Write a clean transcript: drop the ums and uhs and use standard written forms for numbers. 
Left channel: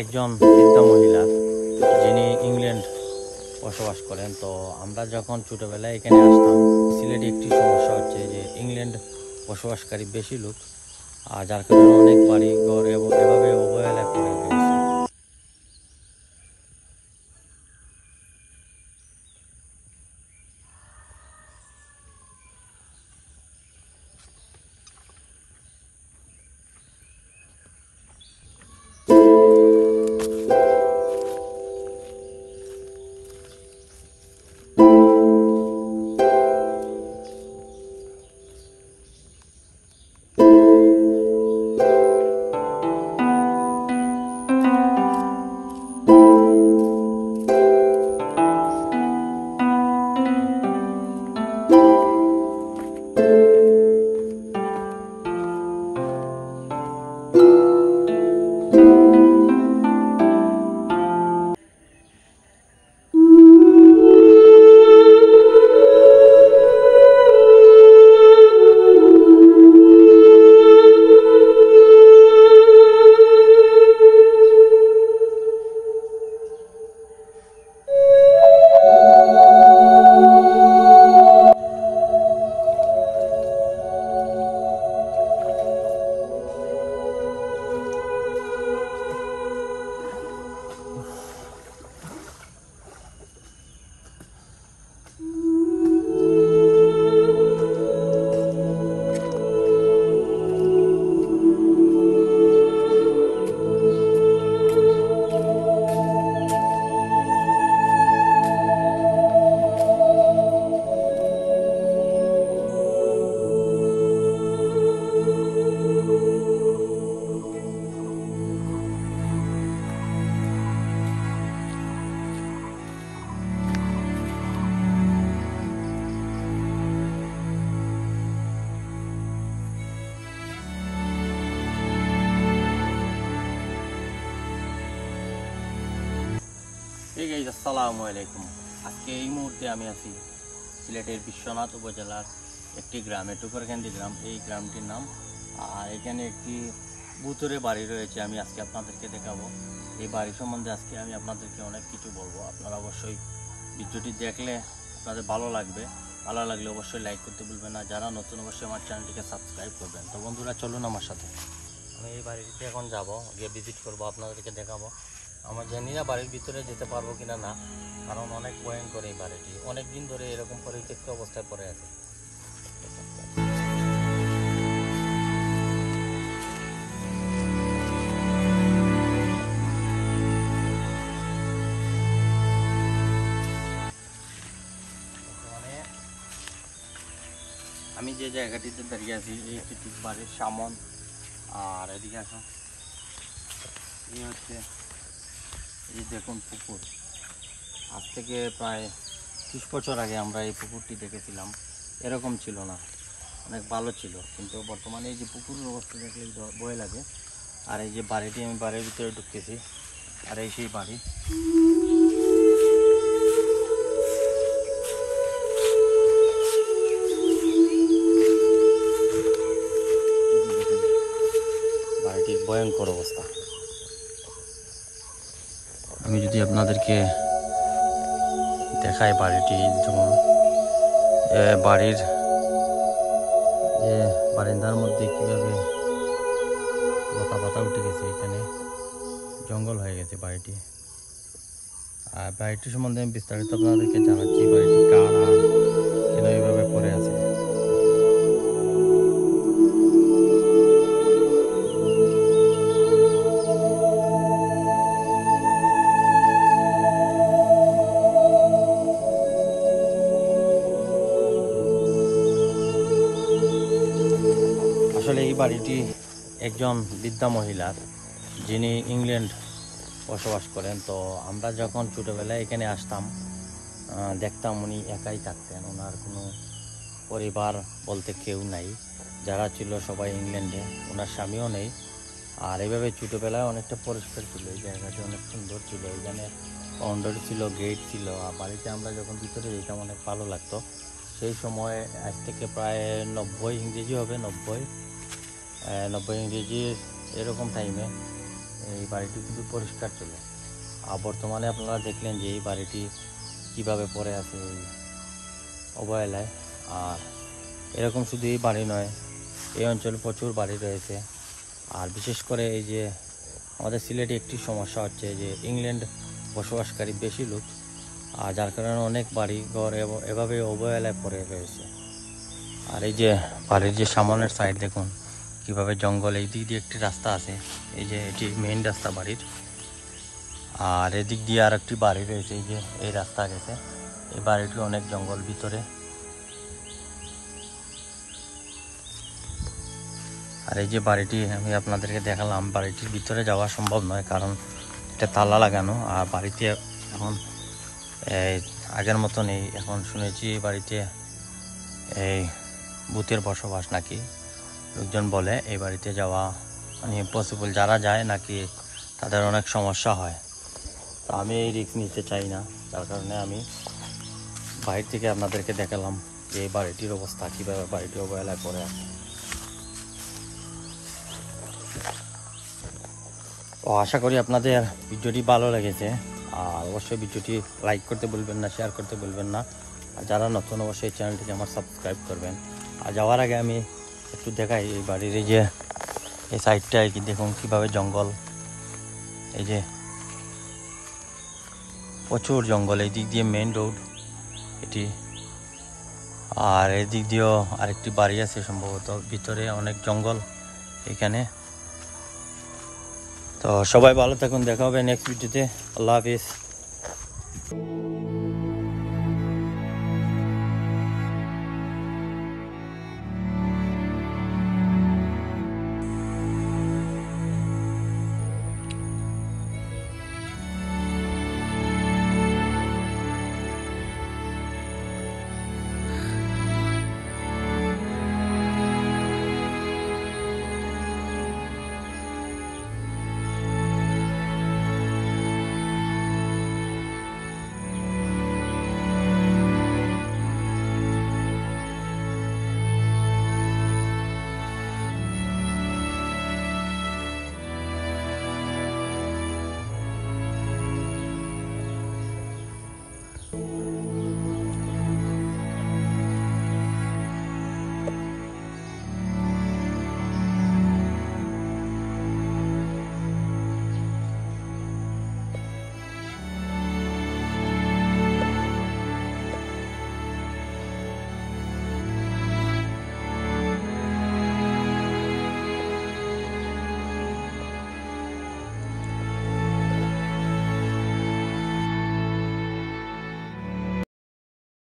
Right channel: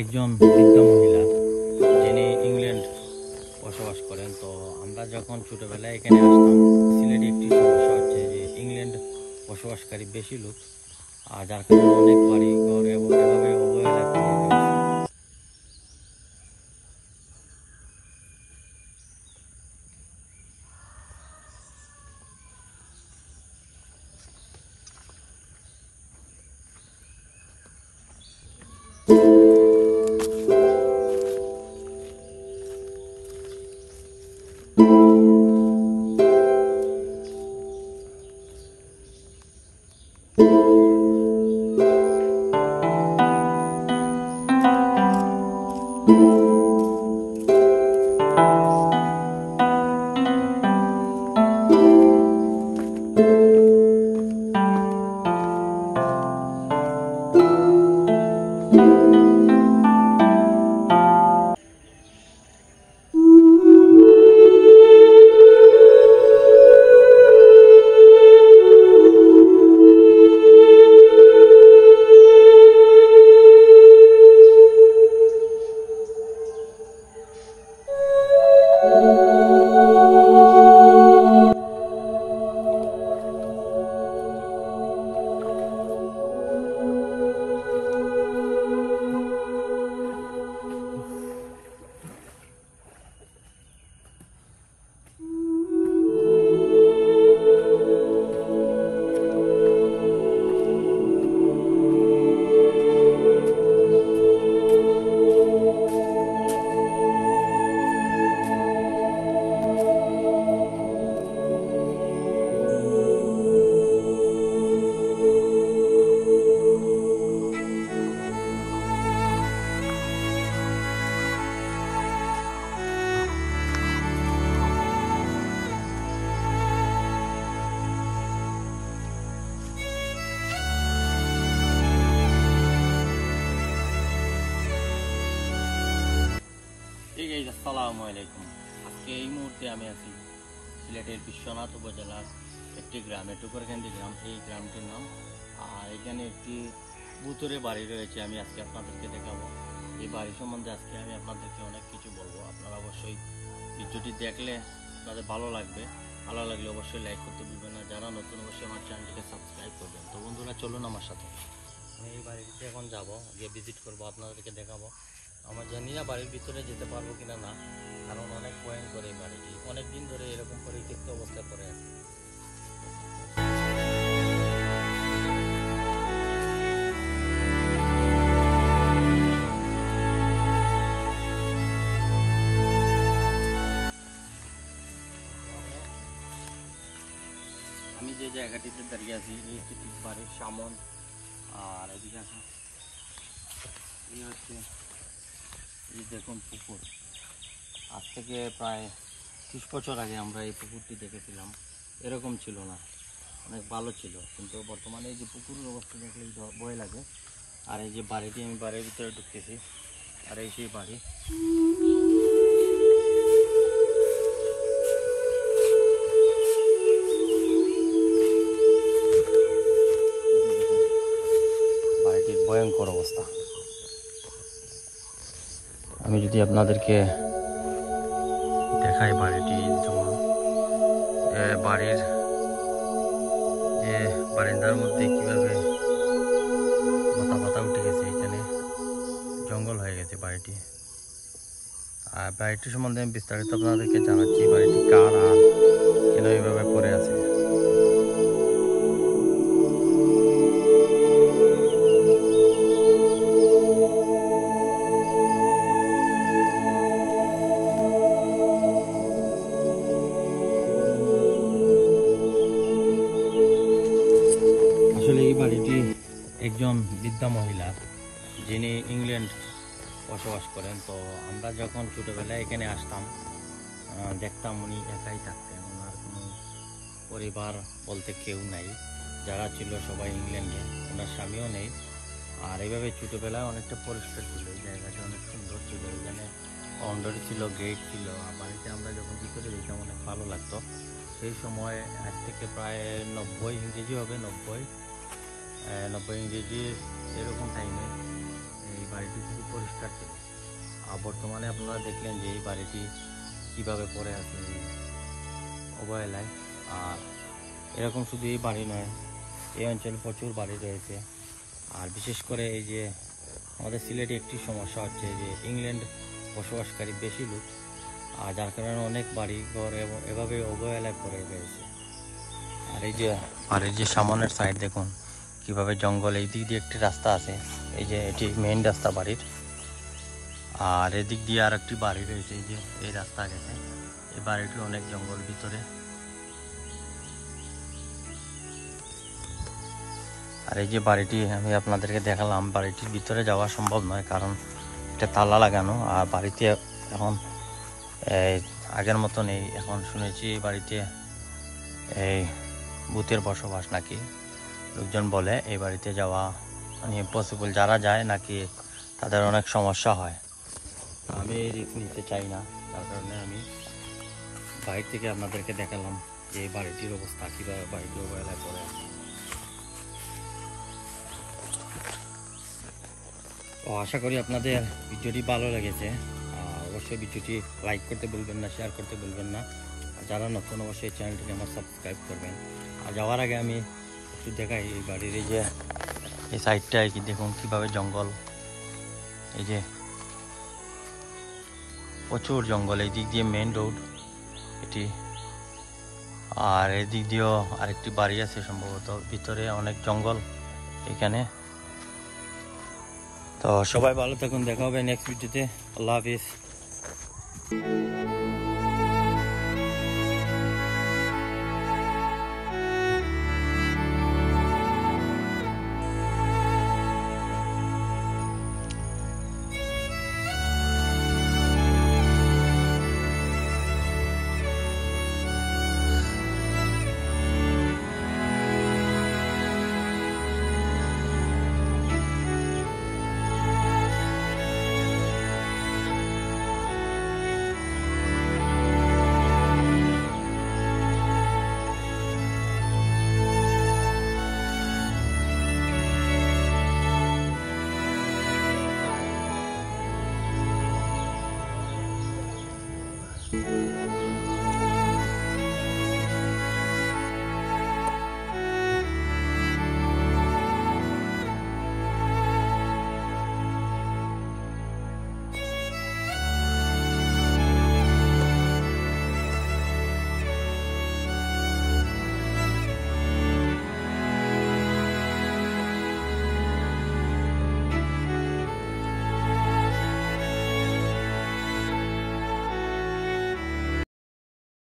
একজন বৃদ্ধা মহিলা যিনি ইংল্যান্ড বসবাস করেন। তো আমরা যখন ছোটোবেলায় এখানে আসতাম, সিলেটে একটি সমস্যা হচ্ছে যে ইংল্যান্ড বসবাসকারী বেশি লোক, আর যার কারণে অনেক বাড়ি ঘর এভাবে অবহেলায় পড়ে রয়েছে। আসসালামু আলাইকুম। আজকে এই মুহূর্তে আমি আছি সিলেটের বিশ্বনাথ উপজেলার একটি গ্রামে, টুকরকান্দি গ্রাম। এই গ্রামটির নাম, আর এখানে একটি ভূতুরে বাড়ি রয়েছে। আমি আজকে আপনাদেরকে দেখাবো এই বাড়ি সম্বন্ধে। আজকে আমি আপনাদেরকে অনেক কিছু বলবো। আপনারা অবশ্যই ভিডিওটি দেখলে আপনাদের ভালো লাগবে। ভালো লাগলে অবশ্যই লাইক করতে ভুলবেন না। যারা নতুন অবশ্যই আমার চ্যানেলটিকে সাবস্ক্রাইব করবেন। তো বন্ধুরা, চলুন আমার সাথে। আমি এই বাড়িটিতে এখন যাব, গিয়ে ভিজিট করবো, আপনাদেরকে দেখাবো। আমার জানি না বাড়ির ভিতরে যেতে পারবো কিনা না, কারণ অনেক ভয়ঙ্কর এই বাড়িটি। অনেক দিন ধরে এরকম পরিত্যক্ত অবস্থায় পড়ে আছে। আমি যে জায়গাটিতে দাঁড়িয়ে আছি এই ঠিক বাড়ির সামন, আর এদিকে আসো, এই হচ্ছে এই দেখুন পুকুর। আজ থেকে প্রায় 30 বছর আগে আমরা এই পুকুরটি দেখেছিলাম। এরকম ছিল না, অনেক ভালো ছিল। কিন্তু বর্তমানে এই যে পুকুরের অবস্থা দেখলে ভয় লাগে। আর এই যে বাড়িটি, আমি বাড়ির ভিতরে ঢুকতেছি, আর এই সেই বাড়ি। বাড়িটির ভয়ঙ্কর অবস্থা। আমি যদি আপনাদেরকে দেখাই বাড়িটি, যেমন বাড়ির যে বারান্দার মধ্যে কিভাবে লতা পাতা উঠে গেছে, এখানে জঙ্গল হয়ে গেছে বাড়িটি। আর বাড়িটি সম্বন্ধে আমি বিস্তারিত আপনাদেরকে জানাচ্ছি। বাড়িটি কার আর কেন এইভাবে পড়ে আছে। আসলে এই বাড়িটি একজন বৃদ্ধা মহিলার, যিনি ইংল্যান্ড বসবাস করেন। তো আমরা যখন ছোটোবেলায় এখানে আসতাম, দেখতাম উনি একাই থাকতেন। ওনার কোনো পরিবার বলতে কেউ নাই, যারা ছিল সবাই ইংল্যান্ডে। ওনার স্বামীও নেই। আর এইভাবে ছোটোবেলায় অনেকটা পরিষ্কার ছিল, এই জায়গাটি অনেক সুন্দর ছিল। এখানে বাউন্ডারি ছিল, গেট ছিল। আর বাড়িতে আমরা যখন ভিতরে যেতাম অনেক ভালো লাগতো। সেই সময় আজ থেকে প্রায় 90 ইংরেজি হবে, 90 ইংরেজি এরকম টাইমে এই বাড়িটি খুবই পরিষ্কার ছিল। আর বর্তমানে আপনারা দেখলেন যে এই বাড়িটি কিভাবে পড়ে আছে এই অবহেলায়। আর এরকম শুধু এই বাড়ি নয়, এই অঞ্চলে প্রচুর বাড়ি রয়েছে। আর বিশেষ করে এই যে আমাদের সিলেটে একটি সমস্যা হচ্ছে যে ইংল্যান্ড বসবাসকারী বেশি লোক, আর যার কারণে অনেক বাড়ি ঘর এভাবে অবহেলায় পড়ে রয়েছে। আর এই যে বাড়ির যে সামনের সাইড দেখুন কিভাবে জঙ্গল, এই দিক দিয়ে একটি রাস্তা আছে, এই যে এটি মেইন রাস্তা বাড়ির। আর এদিক দিয়ে আর একটি বাড়ি রয়েছে, এই যে এই রাস্তা গেছে, এই বাড়িটি অনেক জঙ্গল ভিতরে। আর এই যে বাড়িটি আমি আপনাদেরকে দেখালাম, বাড়িটির ভিতরে যাওয়া সম্ভব নয় কারণ এটা তালা লাগানো। আর বাড়িতে এখন আগের মতন এই এখন শুনেছি এই বাড়িতে এই ভূতের বসবাস নাকি, লোকজন বলে এই বাড়িতে যাওয়া মানে পসিবল, যারা যায় নাকি তাদের অনেক সমস্যা হয়। তো আমি এই রিস্ক নিতে চাই না, যার কারণে আমি বাইরে থেকে আপনাদেরকে দেখালাম যে এই বাড়িটির অবস্থা কীভাবে বাড়িটি অবহেলায় পড়ে আছে। তো আশা করি আপনাদের ভিডিওটি ভালো লেগেছে। আর অবশ্যই ভিডিওটি লাইক করতে ভুলবেন না, শেয়ার করতে ভুলবেন না। আর যারা নতুন অবশ্যই চ্যানেলটিকে আমার সাবস্ক্রাইব করবেন। আর যাওয়ার আগে আমি একটু দেখাই এই বাড়ির এই যে এই সাইডটায় কি দেখুন কীভাবে জঙ্গল, এই যে প্রচুর জঙ্গল, এই দিক দিয়ে মেইন রোড এটি। আর এই দিক দিয়েও আরেকটি বাড়ি আছে সম্ভবত, ভিতরে অনেক জঙ্গল এখানে। তো সবাই ভালো থাকুন, দেখা হবে নেক্সট ভিডিওতে। আল্লাহ হাফিজ।